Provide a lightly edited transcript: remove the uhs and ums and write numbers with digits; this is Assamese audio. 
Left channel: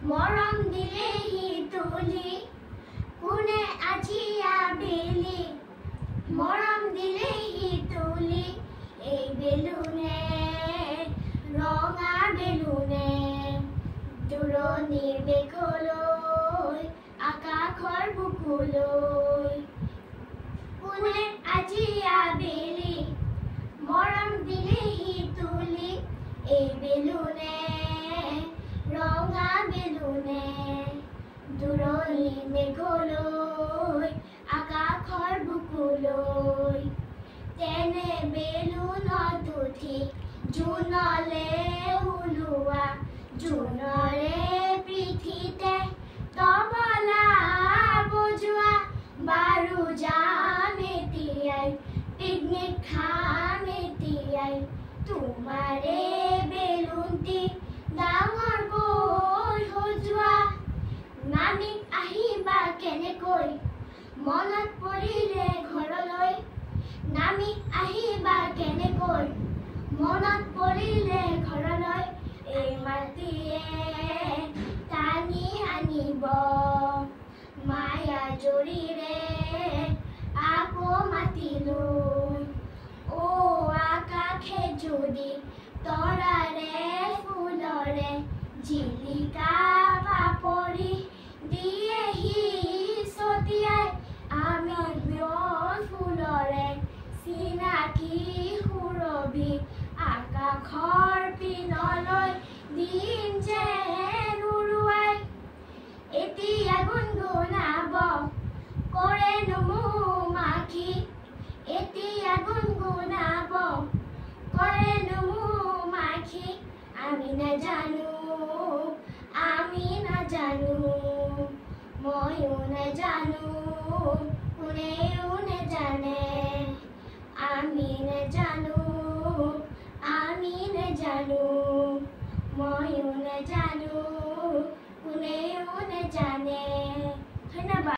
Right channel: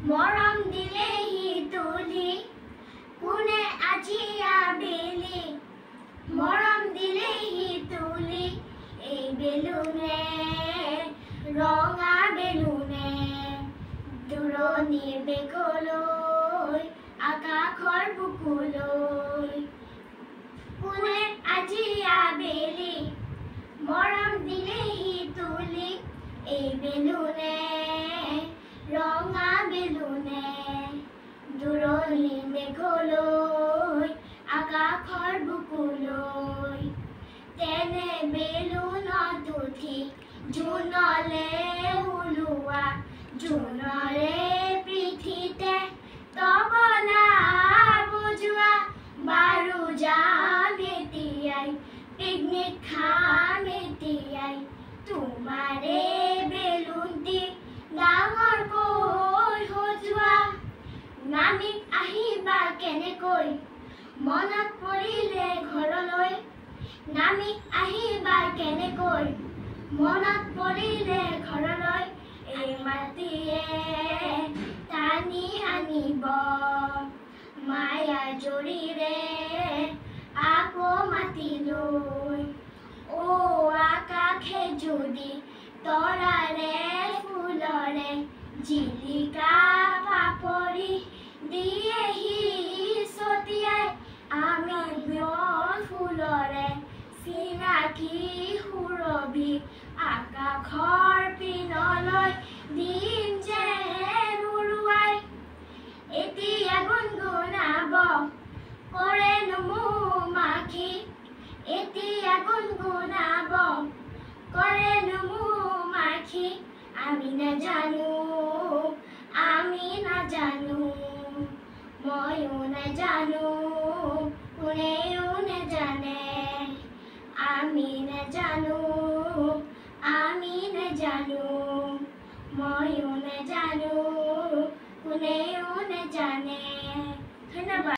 মৰম দিলেহি তুলি কোনে আজি আবেলি মৰম দিলেহি তুলি এই বেলুনে ৰঙা বেলুনে দূৰণিৰ বেগলৈ আকাশৰ বুকুলৈ কোনে আজি আবেলি মৰম দিলেহি তুলি এই বেলুনে ৰঙা বেলুনে দূৰণিৰ মেঘলৈ আকাশৰ বুকুলৈ তেনে বেলুনত উঠি জোনলে ওলোৱা জোনৰে পিঠিতে তবলা বজোৱা বাৰু যাম এতিয়াই পিকনিক খাম এতিয়াই তোমাৰে বেলুনটি ডাঙৰকৈ সজোৱা নামি আহিবা কেনেকৈ মনত পৰিলে ঘৰলৈ নামি আহিবা কেনেকৈ মনত পৰিলে ঘৰলৈ এই মাটিয়ে টানি আনিব মায়া জৰিৰে আকৌ মাতিলৈ অ আকাশে যদি তৰাৰে ফুলৰে জিলিকা পাপৰি দিয়েহি ছটিয়াই আমি বিয়ন ফুলৰে চিনাকি সুৰভি আকাশৰ পিনলৈ দিম যেন উৰুৱাই এতিয়া গুণগুণাব কৰেনো মৌ-মাখি এতিয়া গুণগুণাব কৰেনো মৌ-মাখি আমি নাজানো ময়ো নাজানো কোনেও নাজানে